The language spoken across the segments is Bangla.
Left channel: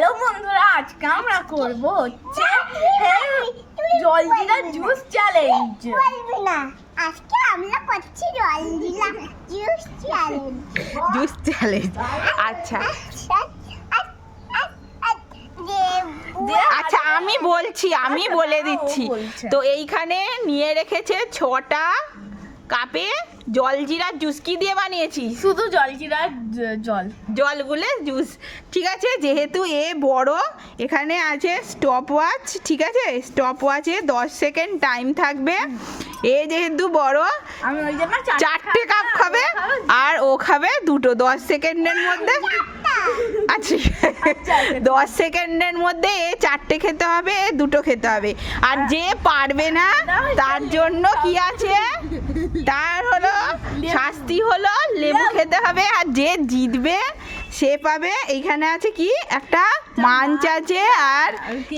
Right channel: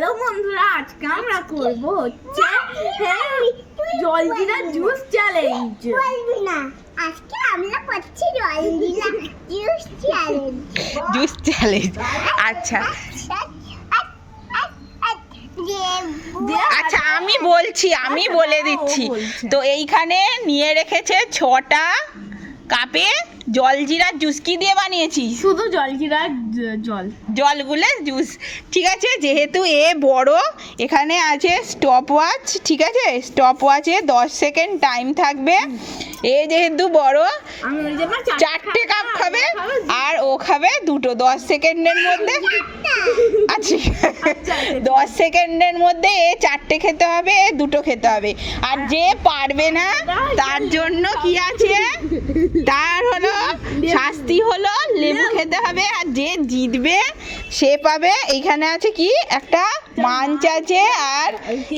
হ্যালো বন্ধুরা, আজকে আমরা করব হচ্ছে জলজিরা জুস চ্যালেঞ্জ। বলবি না, আজকে আমরা করছি জলজিরা জুস চ্যালেঞ্জ। Juice challenge. আচ্ছা আচ্ছা আমি বলে দিচ্ছি। তো এইখানে নিয়ে রেখেছে 6টা কাপে জলজিরা জুস। কি দিয়ে বানিয়েছি? শুধু জলজিরা জলগুলো জুস। ঠিক আছে, যেহেতু এ বড়, এখানে আছে স্টপ ওয়াচ। ঠিক আছে, স্টপ ওয়াচে 10 সেকেন্ড টাইম থাকবে। এ যেহেতু বড়, আমি ওই জন্য 4টে কাপ খাবে আর ও খাবে 2টো। 10 সেকেন্ডের মধ্যে আচ্ছা 10 সেকেন্ডের মধ্যে এ 4টে খেতে হবে, এ 2টো খেতে হবে। আর যে পারবে না তার জন্য কি আছে, তার হলো শাস্তি হলো লেবু খেতে হবে। আর যে জিতবে সে পাবে, এইখানে আছে কি একটা মাঞ্চ আছে, আর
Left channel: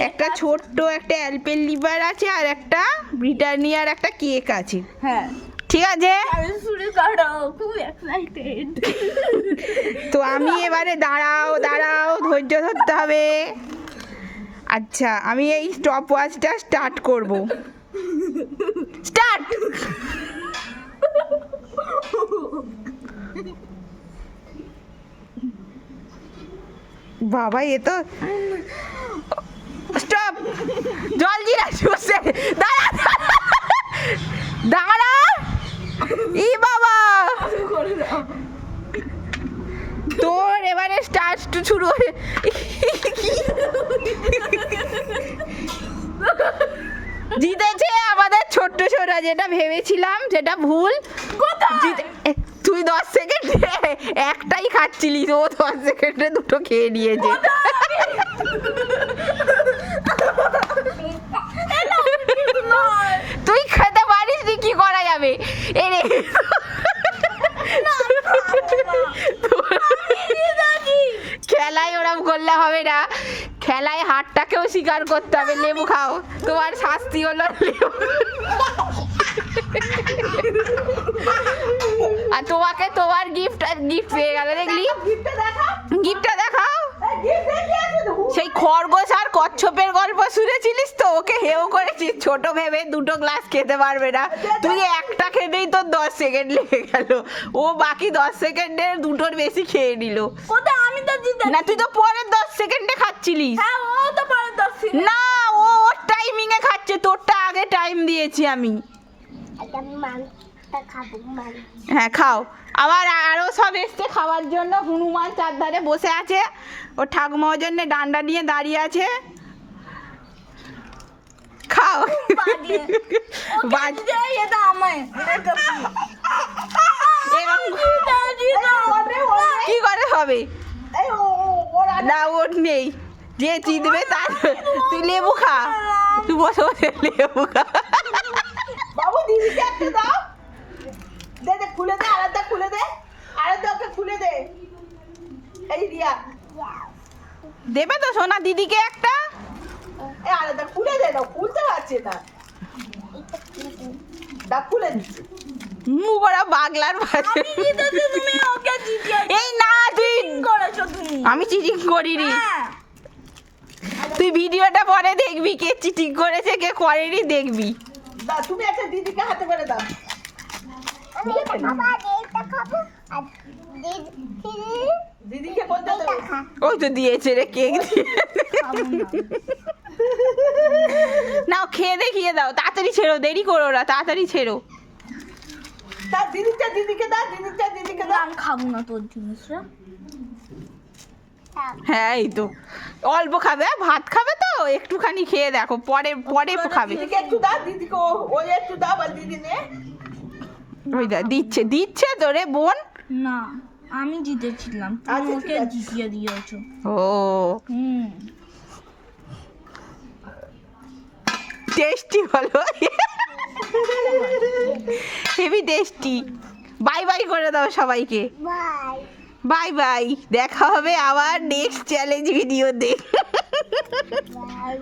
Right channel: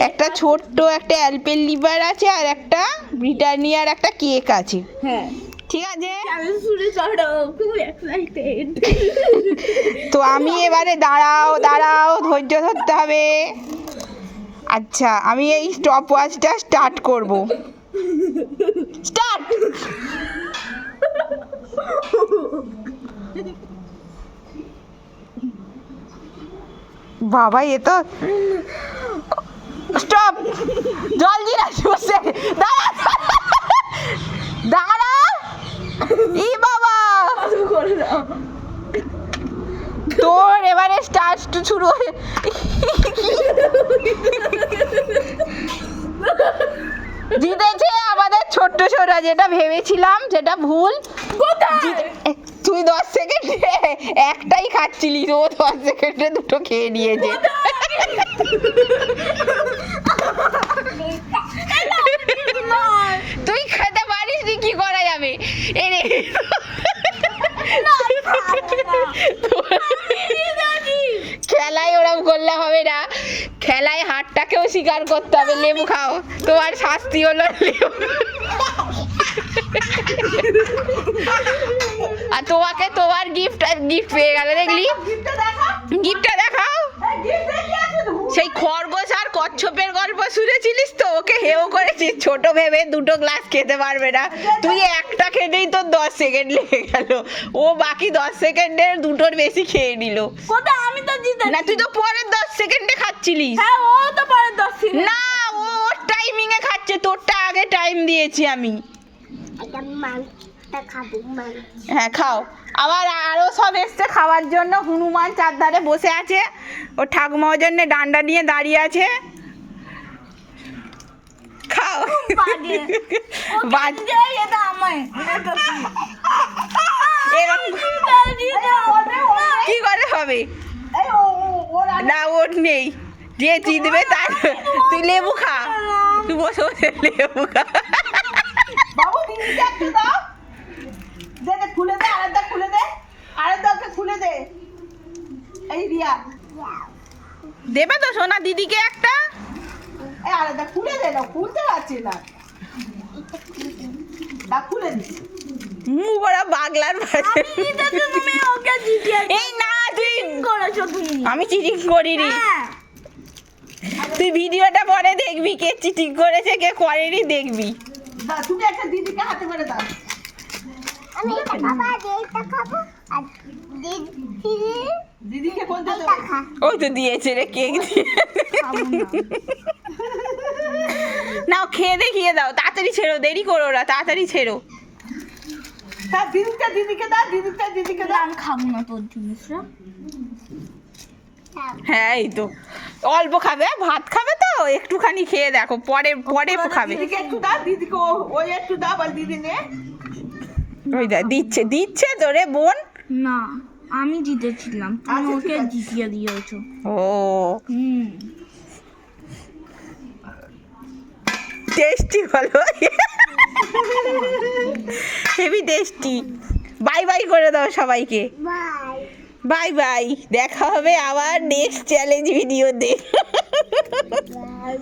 একটা ছোট্ট একটা অ্যালপেনলিবার আছে, আর একটা ব্রিটানিয়ার একটা কেক আছে। হ্যাঁ ঠিক আছে, আমি শুরু করো, খুব এক্সাইটেড। তো আমি এবারে দাঁড়াও ধৈর্য ধরতে হবে। আচ্ছা, আমি এই স্টপ ওয়াচটা স্টার্ট করব। স্টার্ট। বাবা, এ তো স্টপ। জলজিরা জুসে দাঁড়া ই বাবা, তোর এবারে স্টার্ট শুরু। জিতেছে আমাদের ছোট্ট ছোটা, যেটা ভেবেছিলাম যেটা ভুল। তুই 10 সেকেন্ডে একটাই খাচ্ছিলি, ও 10 সেকেন্ডে 2টো খেয়ে নিয়েছে। তুই খেতে পারিস নি, কি করা যাবে? এরে খেলায় ওরম করলে হবে না, খেলায় হারটাকেও স্বীকার করতে হবে। লেবু খাও, তোমার শাস্তি হলো লেবু। আর তোমাকে তোমার গিফট পেয়ে গেল, দেখলি? গিফটটা দেখাও। সেই খরগোশ আর কচ্ছপের গল্প শুনেছিলিস তো? ওকে হেও করেছিস ছোট ভেবে 2টো গ্লাস খেতে পারবে না। তুই একটা খেতেই তোর 10 সেকেন্ড লেগে গেল, ও বাকি 10 সেকেন্ডের 2টোর বেশি খেয়ে নিল। কোথা, আমি তো জিতে না, তুই তো পরের 10 সেকেন্ডে খাচ্ছিলিস। হ্যাঁ, ও তো পরে 10 সেকেন্ড। না, ও ওর টাইমিং এ খাচ্ছে, তোরটা আগে টাইম দিয়েছি আমি। একটা মাংসটা খাবো, মাংস। হ্যাঁ খাও। আবার আরো সব এসছে খাওয়ার জন্য। হনুমান চারধারে বসে আছে, ও ঠাকুমার জন্য ডান্ডা নিয়ে দাঁড়িয়ে আছে। খাও। এরকম কি করে হবে? না, ওর নেই। যে জিতবে তার। তুই লেবু খা, তুই বসে বসে লেবু খা। বাবু, দিদিকে একটা দাও। দে দে, খুলে দে, আরেকটা খুলে দে, আরেকটাকে খুলে দে। এই রিয়া, দেবে তো সোনা দিদিকে একটা? এই আরেকটা খুলে দে। না, খুলতে পারছে না। দা, খুলে দিচ্ছি। মুখ ওরা বাগলার ভাষা। তুমি ওকে জিতিয়ে এই না, তুই করেছো তুমি। আমি চিটিং করিনি। হ্যাঁ, তুই ভিডিওটা পরে দেখবি, কে চিটিং করেছে কে করেনি দেখবি। দা, তুমি একটা দিদিকে হাতে করে দাও। আমি এটা খাবো, আর এইটা খাবো, আর দিদিকে কোনটা দেবো? ওই তো দিয়েছে রে কেক। নাও, খেয়ে দেখিয়ে দাও, তাড়াতাড়ি ছেড়ো, দেরি করো না, তাড়াতাড়ি ছেড়ো। তা দিদিকে দাও, দিদিকে দাও। আমি খাবো না তোর জিনিসটা। হ্যাঁ, এই তো অল্প খাবে, ভাত খাবে তো একটুখানি খেয়ে দেখো, পরে পরে খাবে। দিদিকে একটু দাও, দিদিকে ওই একটু দাও, বল দিদি নে। ওই দা দিচ্ছে তো রে বোন। না, আমি জিতেছিলাম, তুমি আচ্ছা, ওকে ঠিক আছে। জিতিয়ে দিয়েছো। ও হুম, টেস্টি হলো, হেভি টেস্টি। বাই বাই করে দাও সবাইকে। বাই। বাই বাই, দেখা হবে আবার নেক্সট চ্যালেঞ্জ ভিডিওতে। বাই।